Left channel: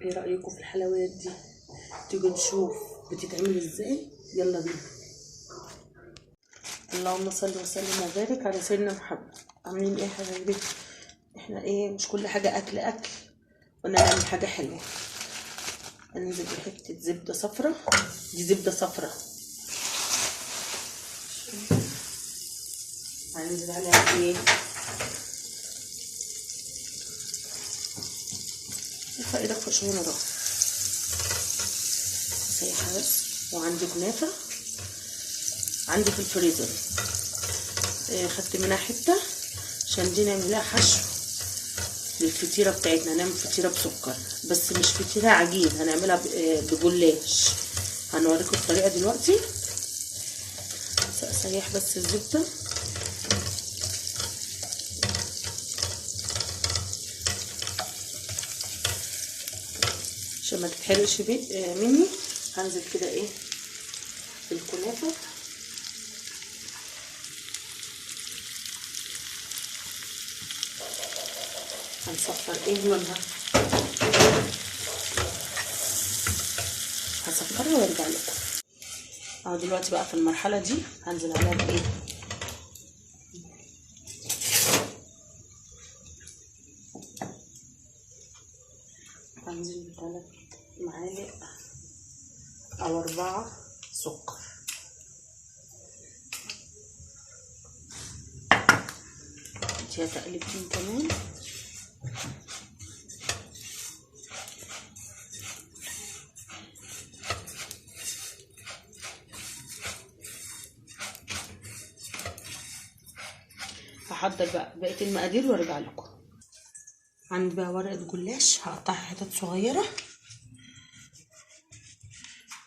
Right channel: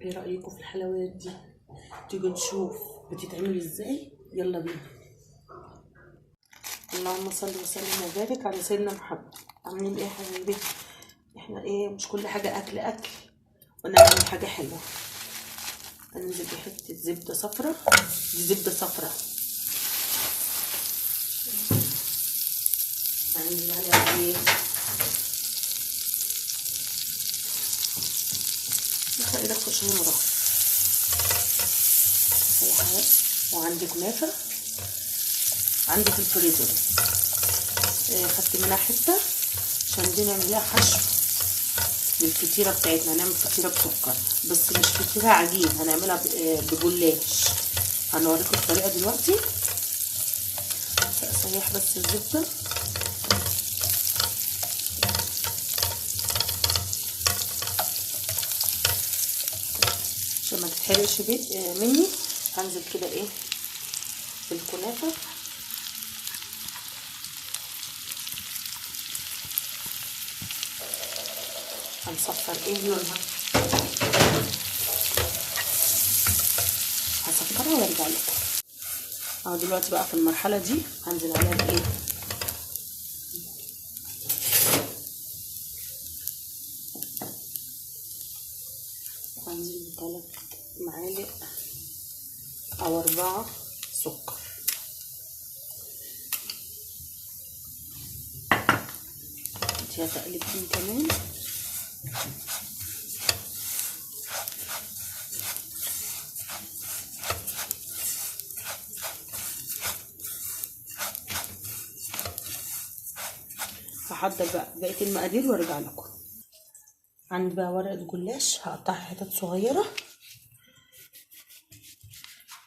ايه رأيكم في الحلويات دي؟ تيجوا نشوف بتتعمل ازاي. يلا بينا. اللهم صل وسلم وبارك على سيدنا محمد. عاملين ايه يا حبايبي؟ احنا ايه، مش كل حاجه اكل قلنا نعمل حاجه حلوه. هننزل بحته زبده صفرا. دي زبده صفرا. هننزل عليها ايه، ارفع ايدك فوق شويه نروح. هي حاجه. وعندي كنافه عندي في الفريزر، خدت منها حته عشان دي نعملها حشو للفطيره بتاعتنا. هنعمل فطيره بسكر، بس مش فطيره عجين، هنعملها بجلاش. هنوريكم الطريقه دلوقتي. سيح بس الزبده عشان ما تتحرقش مني. هنزل كده ايه بالكنافه. هنصفر ايه لونها، هصفرها وارجع لكم. اهو دلوقتي بقى في المرحله دي هنزل عليها بايه، هنزل ب3 معالق او 4 سكر. اديها تقلبتين كمان. هحضر بقى بقيه المقادير وارجع لكم. عندي بقى ورقه جلاش هقطعها حتت صغيره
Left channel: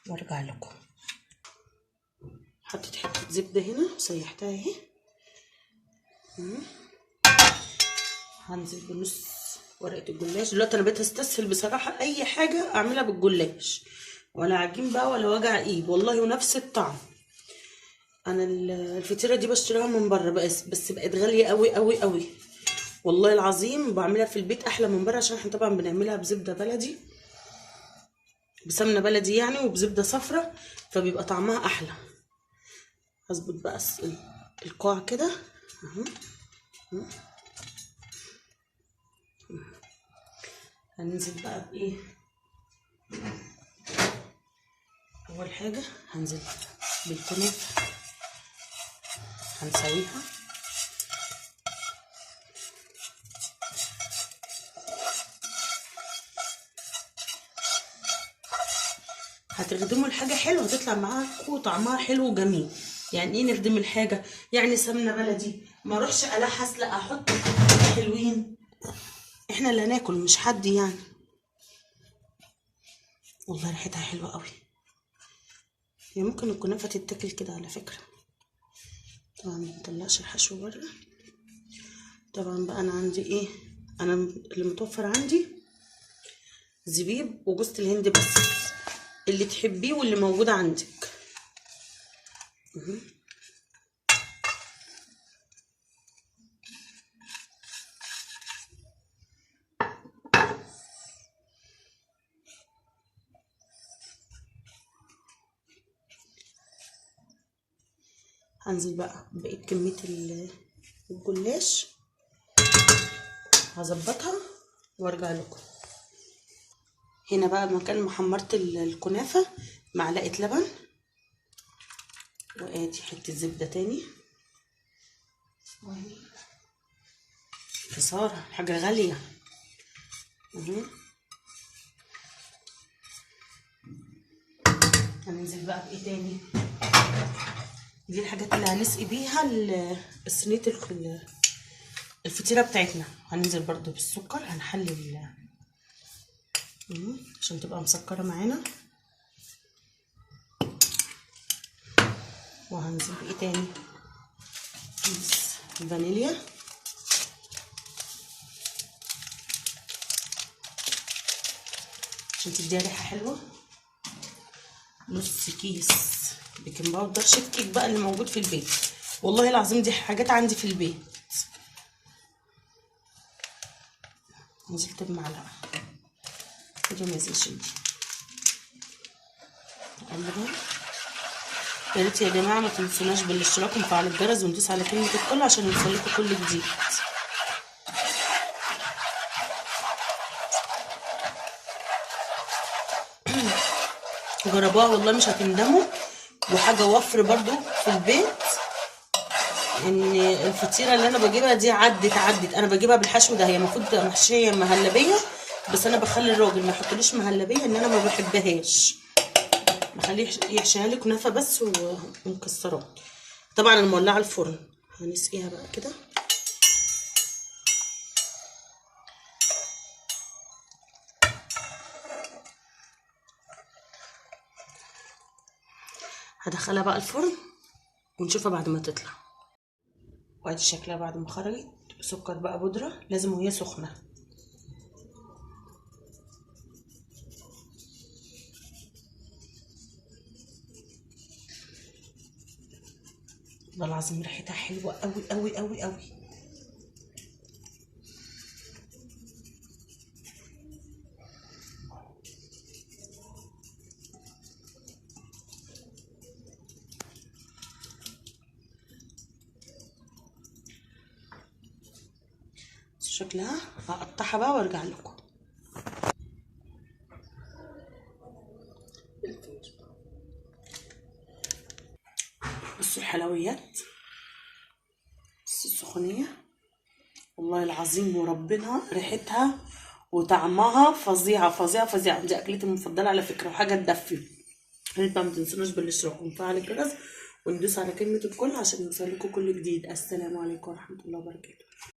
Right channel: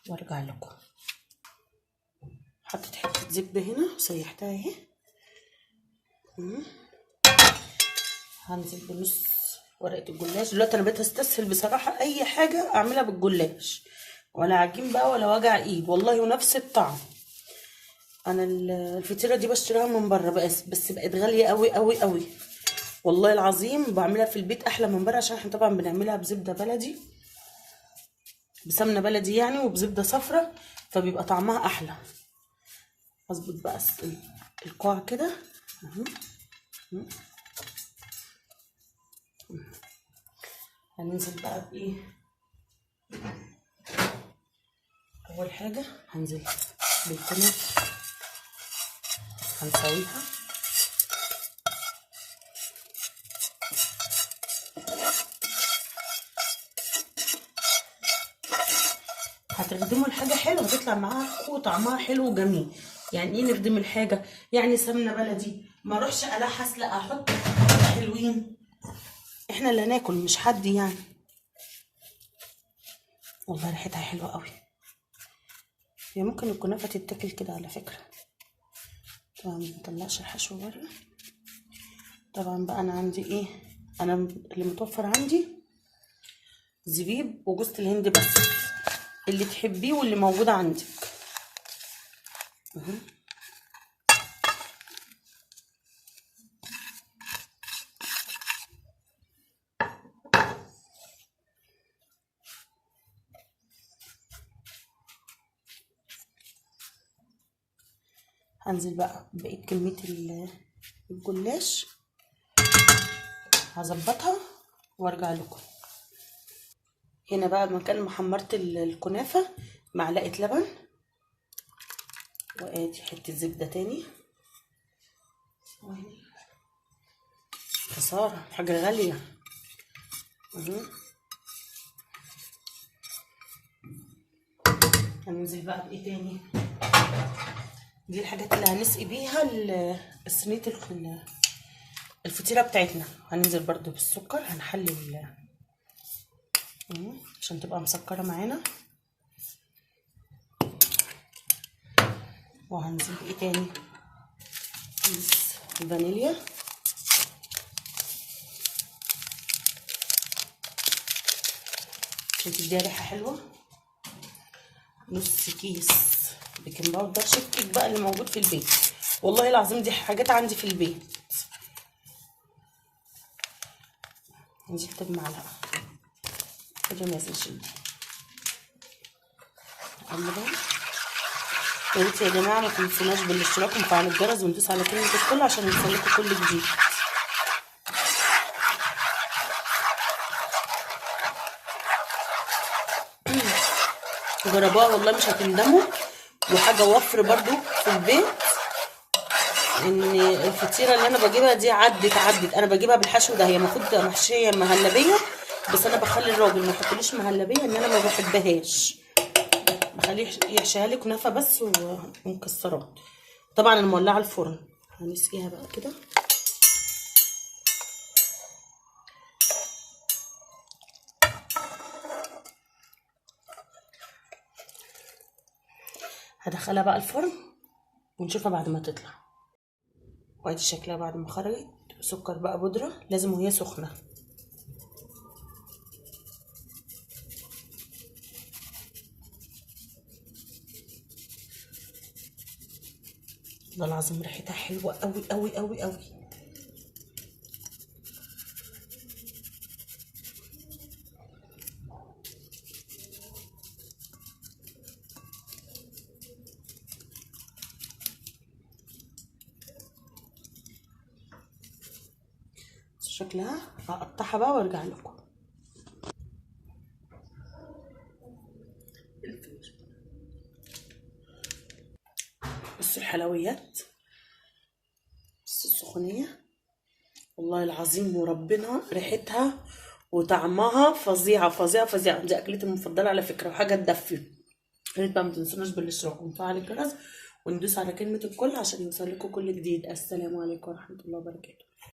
وارجع لكم. حطيت حته زبده هنا وسيحتها اهي. هنزل بنص ورقه الجلاش. دلوقتي انا بقيت استسهل بصراحه اي حاجه اعملها بالجلاش، ولا عجين بقى ولا وجع ايد والله، ونفس الطعم. انا الفطيره دي بشتريها من بره بس بقت غاليه قوي قوي قوي والله العظيم. بعملها في البيت احلى من بره، عشان احنا طبعا بنعملها بزبده بلدي، بسمنه بلدي يعني، وبزبده صفرا، فبيبقى طعمها احلى. هظبط بقى القاع كده اهو. هننزل بقى بايه، اول حاجه هنزل بالكنافه هنسويها. هتخدموا الحاجه حلوه هتطلع معاكم طعمها حلو وجميل. يعني ايه نخدم الحاجه؟ يعني سمنه بلدي، ما اروحش الحس، لا احط حلوين. احنا اللي هناكل مش حد يعني. والله ريحتها حلوه قوي. هي ممكن الكنافه تتاكل كده على فكره. طبعا مطلعش الحشو بره. طبعا بقى انا عندي ايه، انا اللي متوفر عندي زبيب وجوز الهند، بس اللي تحبيه واللي موجود عندك. هنزل بقى بقيت كميه الجلاش، هظبطها وارجع لكم. هنا بقى مكان ما حمرت الكنافه معلقه لبن، وادي حته زبده تاني. خساره حاجه غاليه. هننزل بقى بايه تاني، دي الحاجات اللي هنسقي بيها الصينيه الفطيره بتاعتنا. هننزل برضو بالسكر، هنحلي عشان تبقى مسكره معانا. وهنزل بايه تاني، كيس فانيليا، عشان تديها ريحه حلوه. نص كيس بيكنج باودر، شيك بقى اللي موجود في البيت، والله العظيم دي حاجات عندي في البيت. نزلت بمعلقه. كده ما يزيدش. نقلبها. يا ريت يا جماعه ما تنسوناش بالاشتراك وفعل الجرس وندوس على كلمه الكل عشان يوصلكوا كل جديد. جربوها والله مش هتندموا. وحاجه وفر برضو في البيت، ان الفطيره اللي انا بجيبها دي عدت انا بجيبها بالحشو ده، هي المفروض محشيه مهلبيه، بس انا بخلي الراجل ما يحطليش مهلبيه ان انا ما بحبهاش، بخليه يحشيها لي كنافه بس ومكسرات. طبعا انا مولعه الفرن، هنسقيها بقى كده. هدخلها بقى الفرن ونشوفها بعد ما تطلع. وادي شكلها بعد ما خرجت. سكر بقى بودره لازم وهي سخنه. والله العظيم ريحتها حلوه قوي قوي قوي قوي. شكلها هقطعها بقى وارجع لكم. بصوا الحلويات، بصوا السخونيه، والله العظيم وربنا ريحتها وطعمها فظيعه فظيعه فظيعه. دي اكلتي المفضله على فكره، وحاجه تدفي. يا ريت بقى ما تنسوناش بالاشتراك ونفعل الجرس وندوس على كلمه الكل عشان يوصلكوا كل جديد. السلام عليكم ورحمه الله وبركاته.